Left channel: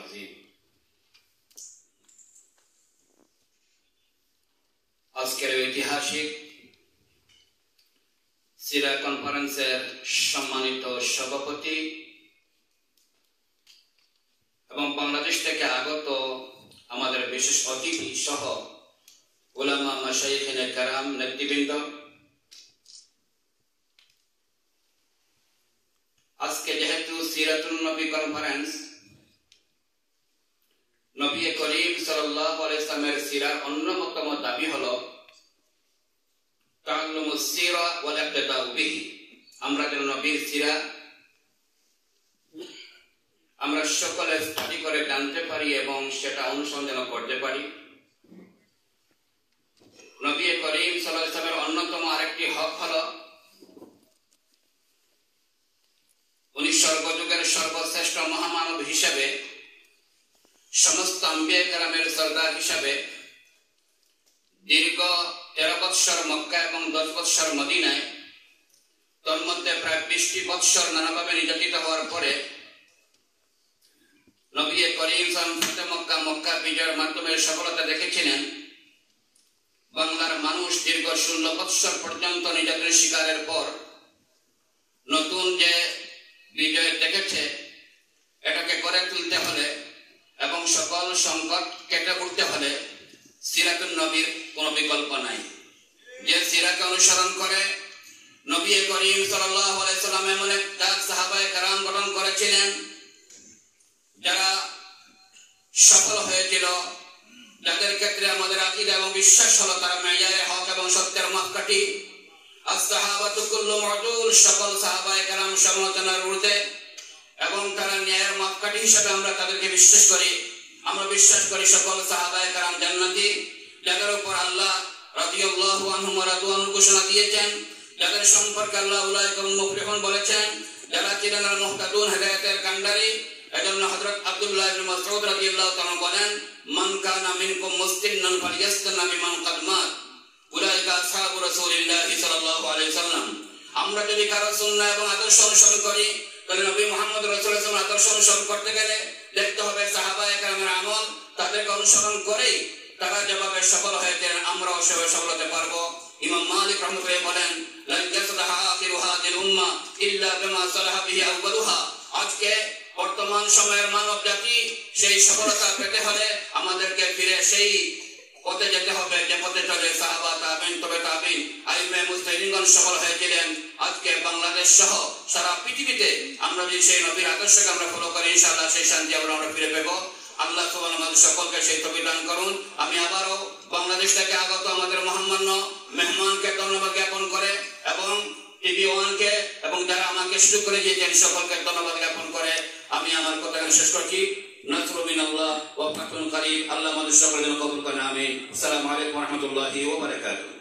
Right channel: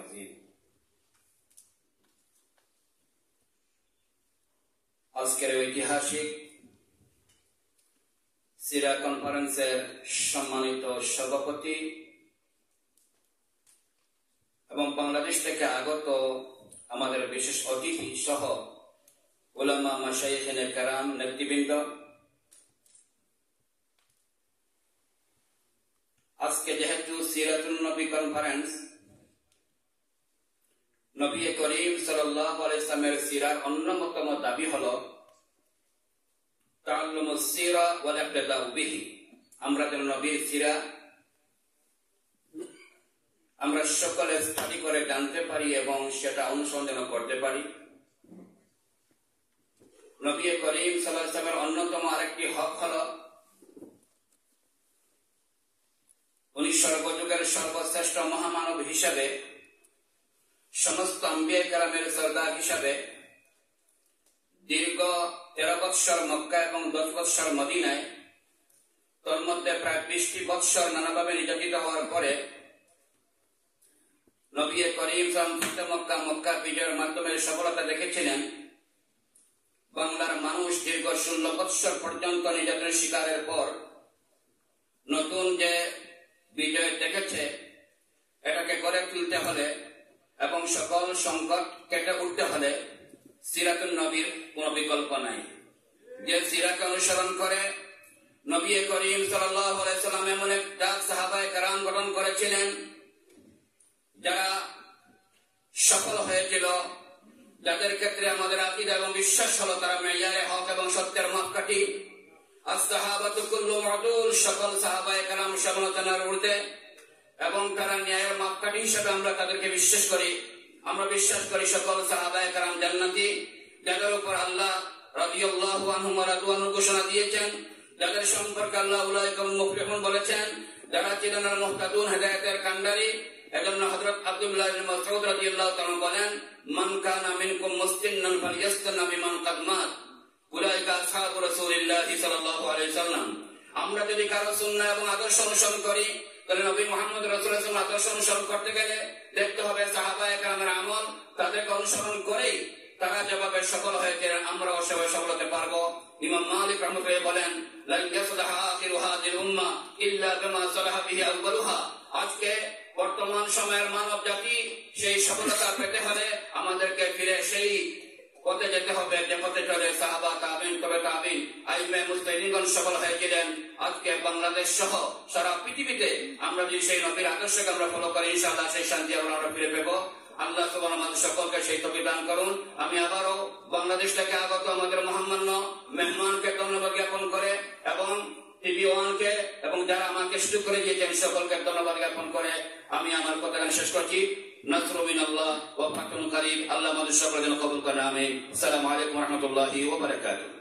العظيم আজকের ঐতিহাসিক সিরা কনফারেন্সের সম্মানিত সভাপতি এবং বাংলাদেশ থেকে আগত আমাদের বিশেষ অতিথি সহ উলামা মাশায়েখিনে কেরাম নেতৃবৃন্দ, আজকে যেহেতু সিরাতুন নবী কনফারেন্স, নবী করিম সাল্লাল্লাহু আলাইহি ওয়াসাল্লামের সিরার অন্যতম দাবি হলো তাআল্লুমুস সিরা ওয়াল ইক্তিদাউ বিহি। আমরা যেন নবীর সিরা আমরা সকলে স্টাডি করে জানতে পারি এবং সেটা অনুসন্ধান করতে পারি। নবী করিম সাল্লাল্লাহু আলাইহি ওয়াসাল্লামের অন্যতম আরেকটি হক হলো উনি সর্বযুগের সর্বশ্রেষ্ঠ মহামানব হিসেবে, সমস্ত আম্বিয়া কেরামের সরদার হিসাবে দীর্ঘ 13 বৎসর মক্কা এবং 10 বৎসর মদিনায়, তোর মধ্যে প্রায় 20 বৎসর নানাভাবে নির্যাতিত হওয়ার পরে নবী করিম সাল্লাল্লাহু মক্কা বিজয়ের মাধ্যমে সফলতা দেখেছিলেন। বাংলার মানুষ দীর্ঘ 16 বৎসর পর্যন্ত নির্যাতনের শিকারের পর নতুন যে বিজয় দেখেছে, এটাকে গড়ে তুলতে হলে এবং সকল সংকট কেটে উঠতে হলে সিরাতুন নবীর কোনো বিকল্প নাই। যে সিরাকে অনুসরণ করে নবী করিম সাল্লাল্লাহু আলাইহি ওয়াসাল্লাম এমন এক সাহাবায়ে কেরাম গঠন করেছিলেন যারা সফল হয়েছিল, যাদের ক্ষেত্রে আমাদের আকীদা এবং বিশ্বাস হলো তারা মেয়ারে হক এবং সত্যের মাপকাঠি। as-সাহাবাতু কুল্লুহুম উদুল, সকল সাহাবায়ে কেরাম সমালোচনার ঊর্ধ্বে এবং তারা ন্যায়ের মাপকাঠি হিসেবে আমরা তাদেরকে বিশ্বাস করি। আমরা বিশ্বাস করি সকল সাহাবায়ে কেরাম জান্নাতি, যাদের উপর আল্লাহ রাদিয়াল্লাহু আনহুম ওয়া রাদু আনহু ঘোষণা দিয়েছেন, যাদের সম্পর্কে আল্লাহ উলাইকুম মুফলিহুন বলেছেন, যারা ছিলেন আল মুহতাদুন, হেদায়েতের কান্ডারি। এজন্য হযরত আব্দুল্লাহ ইবনে মাসউদ রাদিয়াল্লাহু তাআলা বলেন, মান কানা মিনকুম মুসলিমান ফালইয়াসতানা বিমান কাদ মাত উলাইকা আসহাবু রাসূলিল্লাহ সাল্লাল্লাহু আলাইহি ওয়াসাল্লাম। আমরা যদি কারো সুন্নাহ এবং আদর্শ অনুসরণ করি, তাহলে নবী মুহাম্মদ রাসূলুল্লাহ সাল্লাল্লাহু আলাইহি ওয়াসাল্লাম আদর্শ অনুসরণ করতে গেলে দেখতে হবে সাহাবায়ে কেরামের আমল, তাদেরকে অনুসরণ করেই তারা যেভাবে সফল হয়েছেন আমরাও সেভাবে সফল হতে পারবো। ইমাম মালিক রাহমাতুল্লাহ বলেন, লা ইয়াসলাহু আখিরু হাযিল উম্মাহ ইল্লা বিমা সালাহা বিহি আউয়ালুহা। আজকে বর্তমান সময়ের মানব জাতি সেই সফলতা পেতে হলে আমাদেরকে ফিরে সেই পথে যেতে হবে যে পথে চলে সাহাবা, তাবেঈন, তবে তাবেঈন, আইম্মে মুজতাহিদিনগণ সফল হয়েছিলেন। আজকে বাংলাদেশ সহ সারা পৃথিবীতে আমরা যদি সেই নবীর আদর্শকে আমরা ফলো করি, ইনশাআল্লাহ সেই শান্তি আমরা ফিরে পাবো। আল্লাহ সুবহানাহু ওয়া তাআলা সকলকে সেই তৌফিক দান করুন। আমি আবারও বাংলাদেশ থেকে আগত আমাদের মহামান্য মেহমানকে ধন্যবাদ জ্ঞাপন করে এবং টিভি ওয়ানকে এবং যারা আমাকে সুযোগ করে দিয়েছেন সকলকে ধন্যবাদ জ্ঞাপন করে আমি আমার কথা শেষ করছি। নাসরু মিনাল্লাহ ওয়া ফাতহুন কারীম। আল্লাহ আমাদের সকলের জন্য কবুল করেন, আমিন। আসসালামু আলাইকুম ওয়া রাহমাতুল্লাহি ওয়া বারাকাতুহু।